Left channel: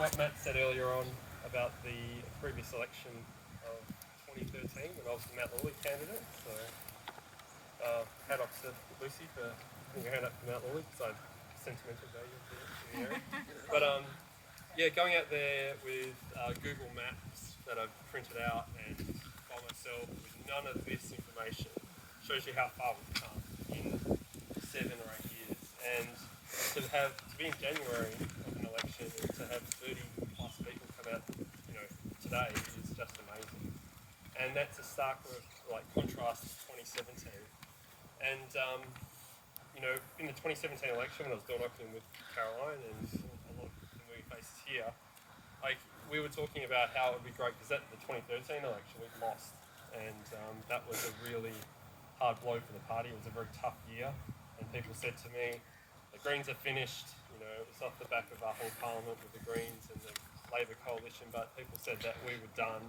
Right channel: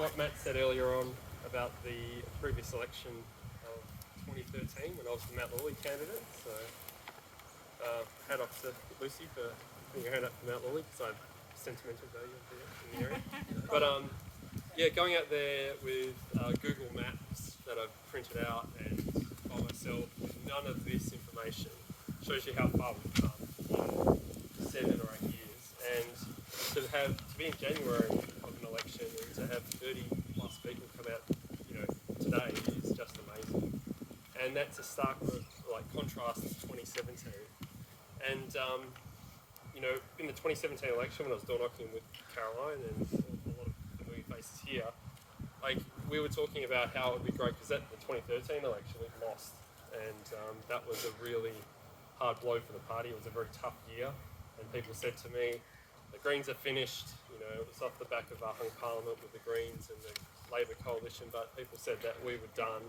what Matt said earlier on about the previous election of 2013 when I was the Matt Lawley candidate. So hat off to Lucy for putting your hand up for Matt Lawley, because I have sentimental value in the area. But yeah, going out there with Google Maps that I've printed out and by myself with none of this information shows you how far we've come in 7 or 8 years. And to be in January of an election and to have 30 plus people come out, today is just amazing. And that's a stark contrast to 2017. And in the 2017 election, when I was door knocking with Caroline and a lot of familiar faces here, we were talking about how it would be great, because at the 2013 election we lost, and that was a really hard blow for the party. It was a very tough year, and people said to me, the Greens are finished. It was off the back of our hung parliament with the Greens and the Labor coalition, but people said that we were done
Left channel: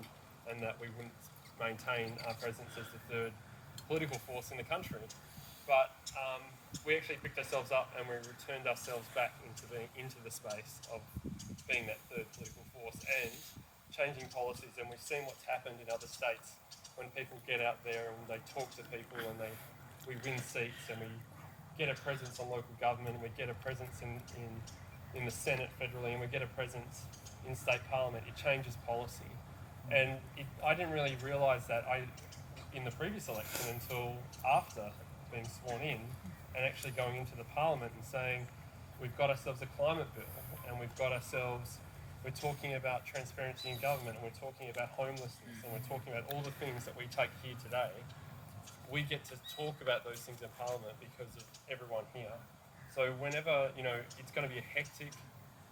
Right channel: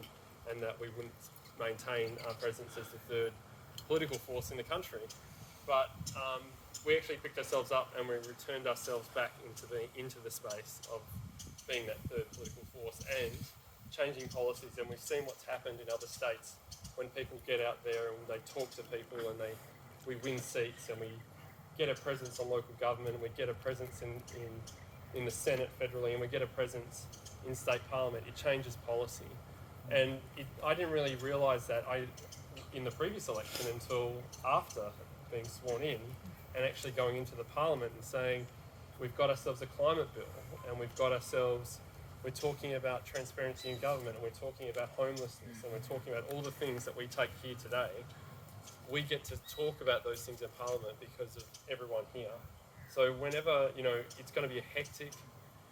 and that we wouldn't maintain our presence as the third political force in the country. But we actually picked ourselves up and we returned ourselves back into the space of being that third political force and changing policies. And we've seen what's happened in other states when people get out there and they talk to people and we win seats and we get a presence on local government and we get a presence in the Senate federally and we get a presence in state parliament. It changes policy. And I didn't really realise that in the previous election until after being sworn in and actually going into the parliament and saying, we've got ourselves a climate bill and we're talking about transparency in government and we're talking about homelessness and we're talking about all the things that we take here today. We get to talk about those things in parliament because of everyone here. So whenever, it's going to be a hectic,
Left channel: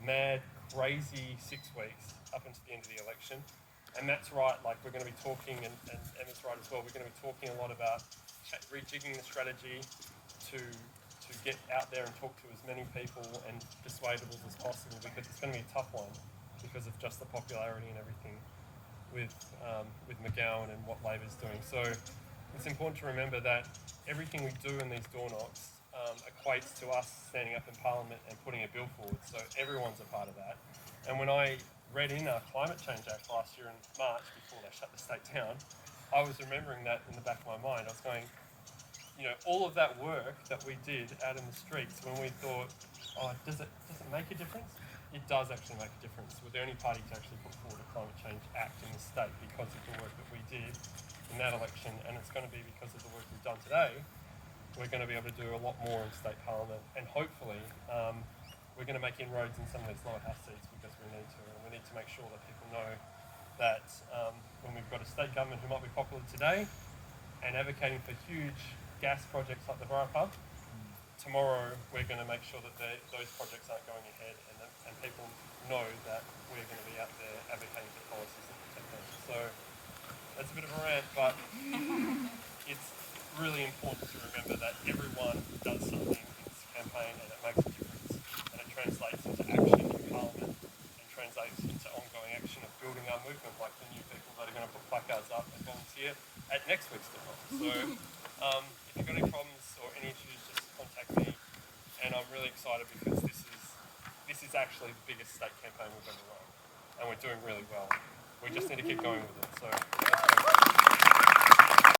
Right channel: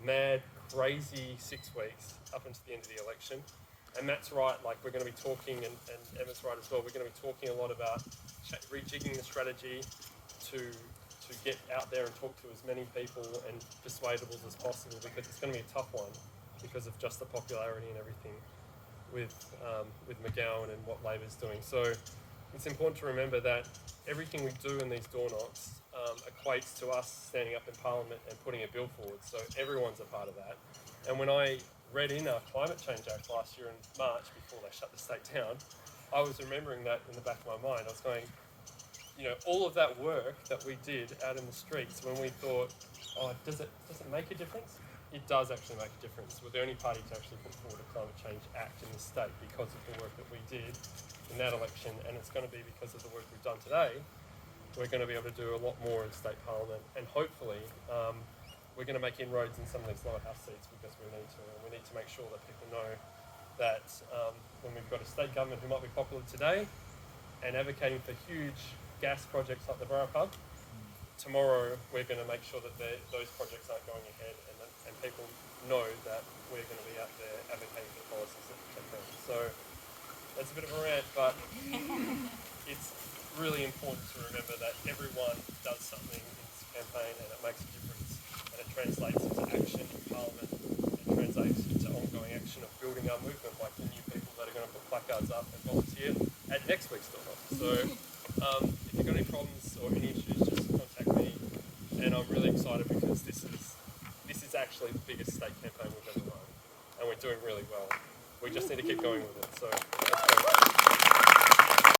mad, crazy 6 weeks up until the end of the election. And that's right, we're going to be talking, and Emma's right as well, we're going to be talking a lot about rejigging the strategy to get out there and talk to as many people and persuadables as possible, because it's going to be a tough one because of just the popularity and everything with McGowan and what Labor's doing. So it's important to remember that everything we do in these door knocks equates to us standing up in Parliament and putting a bill forward. So everyone's a part of that. And when I read in our Climate Change Act last year in March, before they shut the state down, I was remembering that in the back of my mind. I was going, all of that work that we did out in the streets when we thought, does it make a difference? It does actually make a difference. We're the only party to actually put forward a Climate Change Act in the state because of the work that we did in that election, and it's going to be because of the work we've done today. We're going to be able to do a lot more in state parliament, and hopefully we're going to make inroads in some of these lower house seats because we need to, and we need to make sure that people know that when we've got a state government who might be popular today and advocating for huge gas projects like the Borough Hub, tomorrow we're going to make sure that those projects aren't going ahead, and people know that we're going to be out there advocating for policies that protect them. So that's a bit of a rant, but it's really important to remember that everyone does something in this campaign and it makes a difference, and it translates into action in Parliament and translates into ongoing action of building our movement, like the new people that are going to put placards up and volunteer at next week's door knock. So if you've got any problems or any issues, just contact me, and I'm really excited because this is actually the biggest state campaign we've ever run, and we're doing really well. We just need to keep going with it. So